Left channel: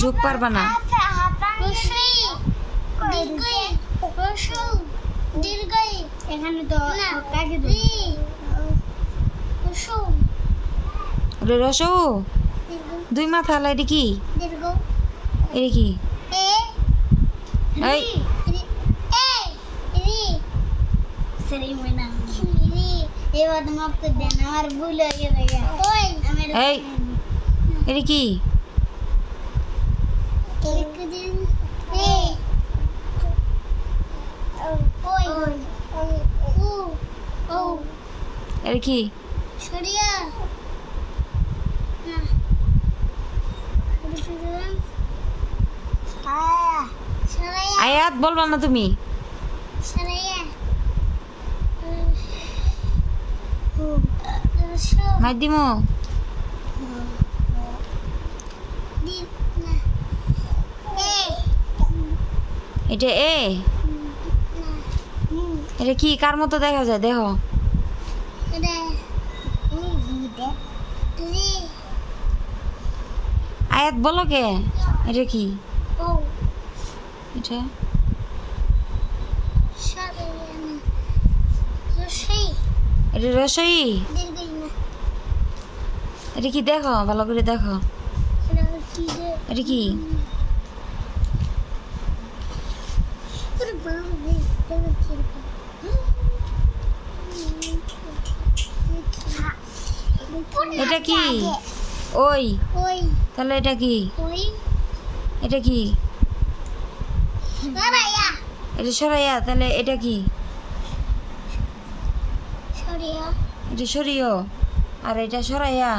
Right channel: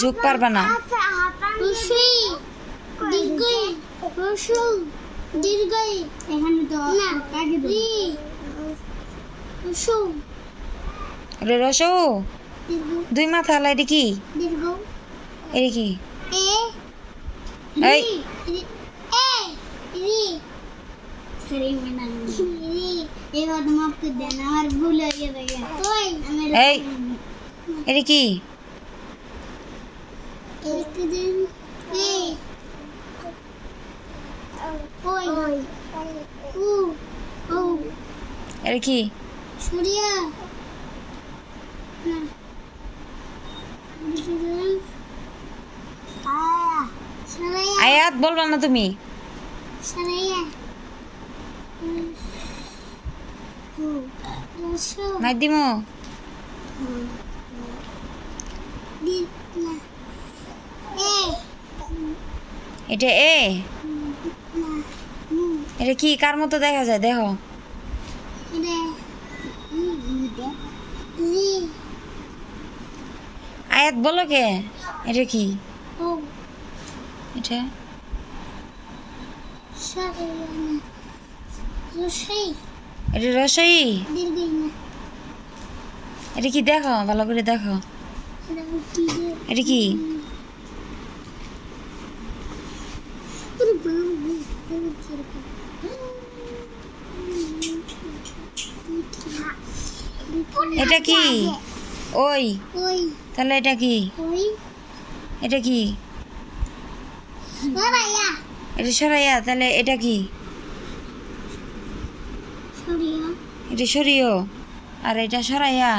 যোগ পারবা না। রসু দুই মাথা আলা এটা কি? এটা কি? এই এই এটা কি? এটা কি? আয়াত বলবা না তুমি? মাধ্যমো এটা এ এটা কি কার মতো দেখা যায় দেখো? আয়াত বলো কে? এটা কি? এটা এটা রসই। এটা কি দেখো ভালো করে দেখো? এটা কি? এটা কি? ওই তাহলে এটা কি? এটা কি? এটা সরাইয়া তাহলে এটা কি? এটা সরিও আর এটা সরাইয়া।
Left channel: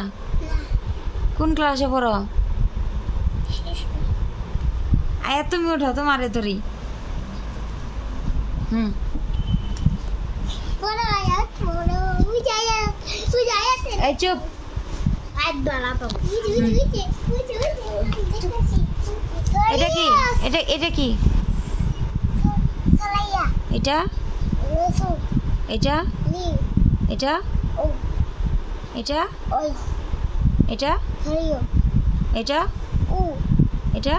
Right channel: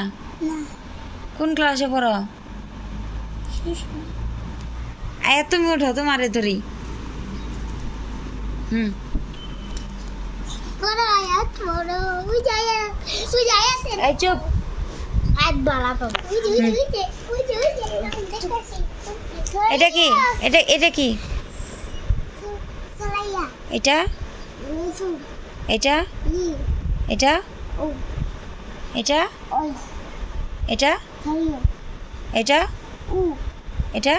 কোন ক্লাসে পড়ো? আয়াত তুমি ওঠো তোমারে ধরি। এই চুপ। এটা কি? এটা কি? এটা এটা এটা এটা এটা এটা এটা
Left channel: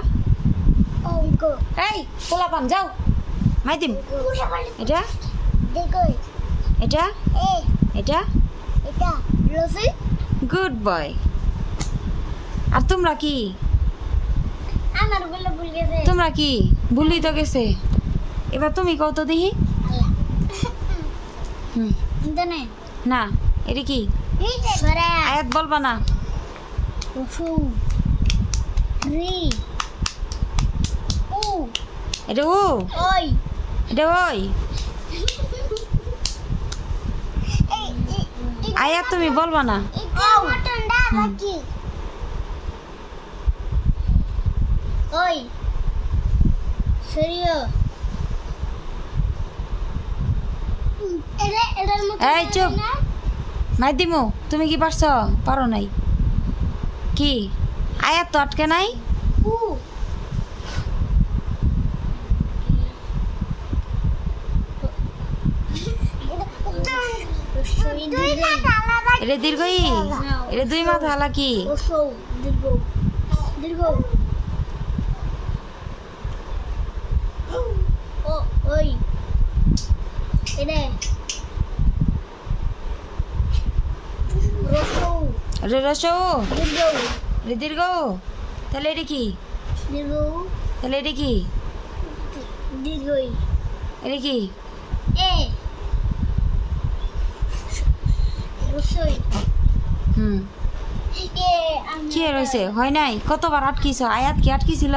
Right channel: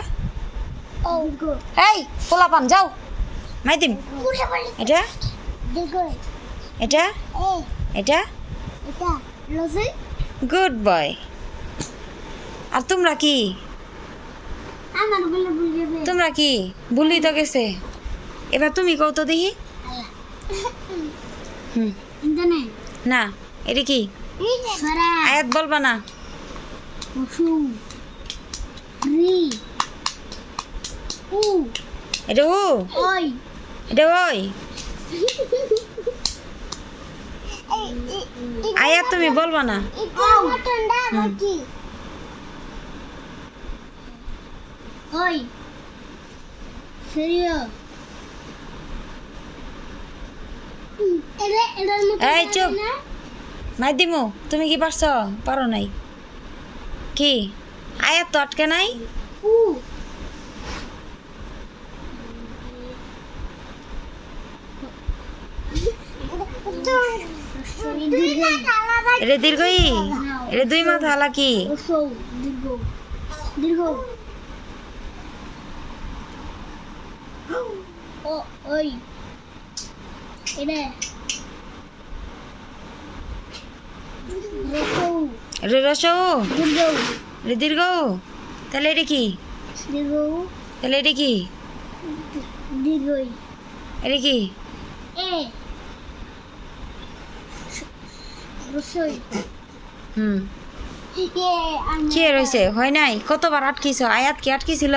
এই পোলাপান যাও মাইদিম। এটা এটা এটা গুড বয়। আর তোমরা কি? তোমরা কি ভুলি তো গেছে। এবার তুমি কত দেখি? না এটা কি? আয়াত বলবা না? এটা উ এটা ওই। আয়াত তুমি বলবা না? এই চুপ মাধ্যমো তুমি কি পারছো? পারো নাই কি? আয়াত তো আটকে নাই। এটা দীর্ঘই। এটা দুই মাথা আলা কি? এটা রসৌ। এটা দীর্ঘ তাহলে এটা কি? তাহলে এটা কি? এটা কি? কি রয়েছে? হয় নাই? কতবার আটকিছ? আয়াত কি আটকিছিল?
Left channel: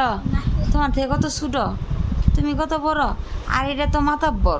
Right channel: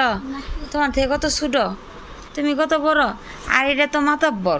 তোমার থেকে কত ছোট, তুমি কত বড়, আর এটা তো মাতাব্বর।